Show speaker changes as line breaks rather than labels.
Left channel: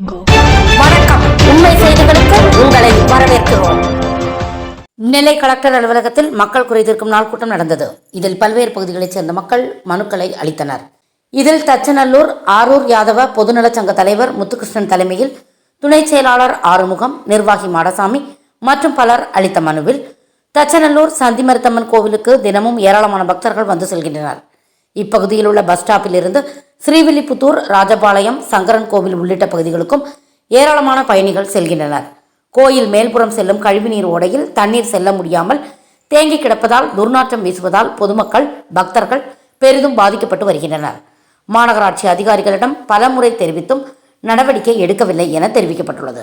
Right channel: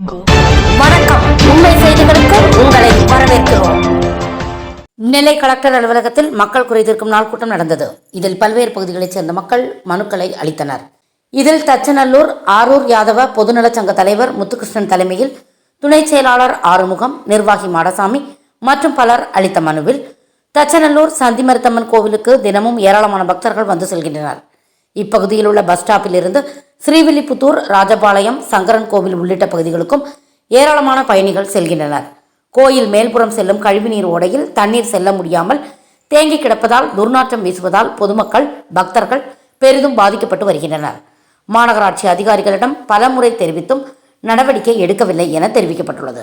வணக்கம். உண்மை செய்திகளுக்கு உங்களை வரவேற்கிறோம். நெல்லை கலெக்டர் அலுவலகத்தில் மக்கள் குறைதீர்க்கும் நாள் கூட்டம் நடந்தது. இதில் பல்வேறு பகுதிகளைச் சேர்ந்த மக்கள் மனுக்களை அளித்தனர். இதில் தச்சநல்லூர் ஆரூர் யாதவ பொதுநலச் சங்க தலைவர் முத்துகிருஷ்ணன் தலைமையில் துணை செயலாளர் ஆறுமுகம் நிர்வாகி மாடசாமி மற்றும் பலர் அளித்த மனுவில் தச்சநல்லூர் சந்திமருத்தம்மன் கோவிலுக்கு தினமும் ஏராளமான பக்தர்கள் வந்து செல்கின்றனர். இப்பகுதியில் உள்ள பஸ் ஸ்டாப்பில் இருந்து ஸ்ரீவில்லிபுத்தூர் ராஜபாளையம் சங்கரன் கோவில் உள்ளிட்ட பகுதிகளுக்கும் ஏராளமான பயணிகள் செல்கின்றனர். கோயில் மேல்புறம் செல்லும் கழிவுநீர் ஓடையில் தண்ணீர் செல்ல முடியாமல் தேங்கி கிடப்பதால் துர்நாற்றம் வீசுவதால் பொதுமக்கள் பக்தர்கள் பெரிதும் பாதிக்கப்பட்டு வருகின்றனர். மாநகராட்சி அதிகாரிகளிடம் பலமுறை தெரிவித்தும் நடவடிக்கை எடுக்கவில்லை என தெரிவிக்கப்பட்டுள்ளது.